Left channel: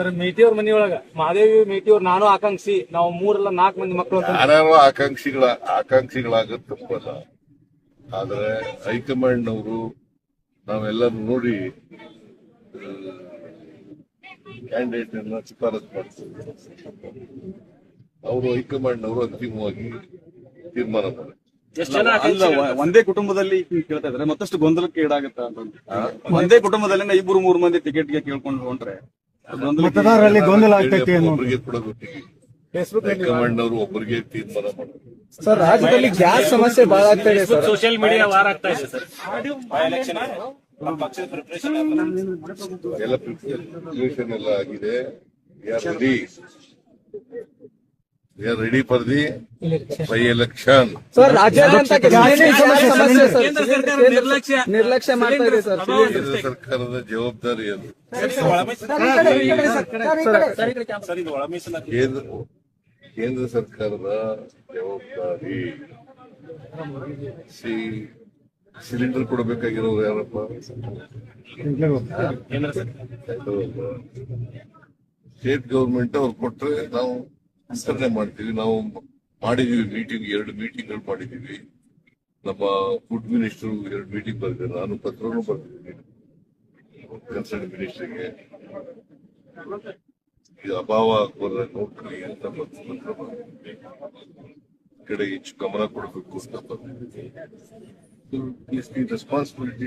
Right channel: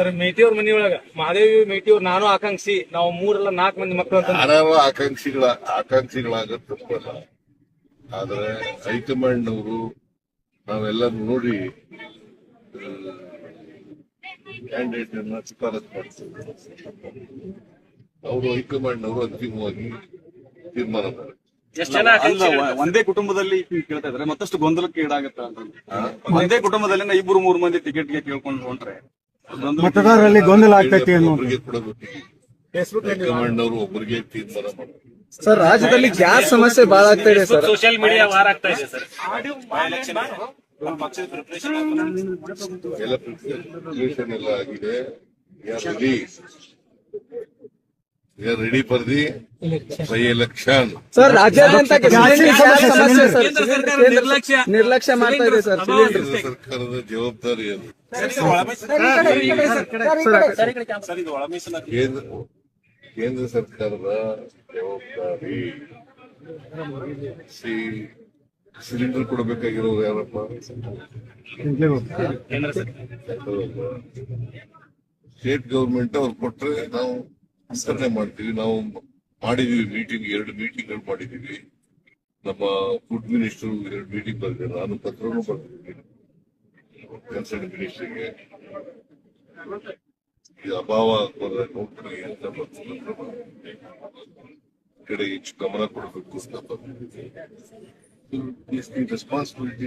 Sir ಮೇಟಿಯವ್ರ ಮನಿಯೊಳಗ ಮಹಾದೇವಿ ಮೇಟಿಯವ್ರ ನಾನು ಆಕಾಂಕ್ಷಿ ನಾವು 3-4 ಮಂದಿ ಮಕ್ಕಳು ಅಂತ ಯಾರು ಆಕಾಂಕ್ಷಿಗಳಾಗದ್ ತಪ್ಪಲ್ಲ. ಆದ್ರೆ ಹೈಕಮಾಂಡ್ ಅವರು ನಾವೆಲ್ಲರೂ ನೋಡಿ ಕ್ಯಾಂಡಿಡೇಟ್ ಅನ್ನ ಶಿಫಾರಸ್ ಮಾಡ್ತೀವಿ. ಅವರು ಹೈಕಮಾಂಡ್ ಅವರು ಅಂತಿಮವಾಗಿ ತೀರ್ಮಾನ ಮಾಡ್ತಾರೆ. ಒಂದೇ ಕುಟುಂಬದಲ್ಲಿ ಕೇಳ್ತಾ ಇದ್ರೆ ಮತ್ತಷ್ಟು ಗೊಂದಲಕ್ಕೆ ಈಡಾಗುತ್ತಾ ಅಂತ. ಒಂದೇ ಕುಟುಂಬದಲ್ಲಿ 2-3 ಮಂದಿ ಟಿಕೆಟ್ಗೆ ಕೇಳ್ಕೊಂಡು ಹೊಂಟ್ರೆ ಮತದಾರರಲ್ಲಿ ಗೊಂದಲ ಆಗ್ತೈತಿ. ಒಬ್ಬರಿಗೆ ಕೊಡಬೇಕು. ಹೈಕಮಾಂಡ್ ಅವರು ಒಬ್ಬರಿಗೆ ತೀರ್ಮಾನ ಮಾಡಬೇಕು. ಸರ್, ರಾಜ್ಯದಲ್ಲಿ ಗ್ಯಾಸ್ ಸಮಸ್ಯೆ ಬಹಳ ಆಗ್ತಾ ಇದೆ ಸರ್. ಸೋಷಿಯಲ್ ಮೀಡಿಯಾ ವಾರ ಆಗ್ತಾ ಇದೆ ಸರ್. ಎಲ್ಲ ಪ್ರಿಪರೇಷನ್ ಎಲ್ಲ ಆಗಿದೆ. Ready for the by election. Sir, ರಾಜ್ಯಾದ್ಯಂತ ನಿರ್ಲಕ್ಷ್ಯ ಮಾಡ್ತಾ ಇದೆ ಸರ್. ಕೇಂದ್ರ ಸರ್ಕಾರದ ಜವಾಬ್ದಾರಿ ಅದು. ಕೇಂದ್ರ ಸರ್ಕಾರದ ಜವಾಬ್ದಾರಿ. ಸಿಲಿಂಡರ್ ಕೊಡಬೇಕಾಗಿರೋರು ಯಾರಪ್ಪ? ಸ್ಟೇಟ್ ಗವರ್ಮೆಂಟ್ ಅವ್ರು ಕೊಟ್ರೆ ನಾವು ವಿಸ್ತರಣೆ ಮಾಡ್ತೀವಿ. ನಾವು ಮಾಡಿದೀವಿ ಮೀಟಿಂಗ್, 2 ಮೀಟಿಂಗ್ಗಳು ಮಾಡಿದೀವಿ. ನಮ್ಮ ಫುಡ್ ಮಿನಿಸ್ಟರ್ 2 ಮೀಟಿಂಗ್ ಬರ್ತಾರೆ. ನಾನು ಪತ್ರನೂ ಬರ್ತಿದ್ದೀನಿ ಕನ್ಸರ್ನ್ ಮಿನಿಸ್ಟರ್ಗೆ. ಇದು ಅಭಾವ ಬರದ ನೋಡ್ರಿ ಅಂತ ಕಡೆ ಹೆಚ್ಚು ಗಮನ ಕೊಡಬೇಕು ಅಂತ ರೆಸ್ಪಾನ್ಸಿಬಿಲಿಟಿ.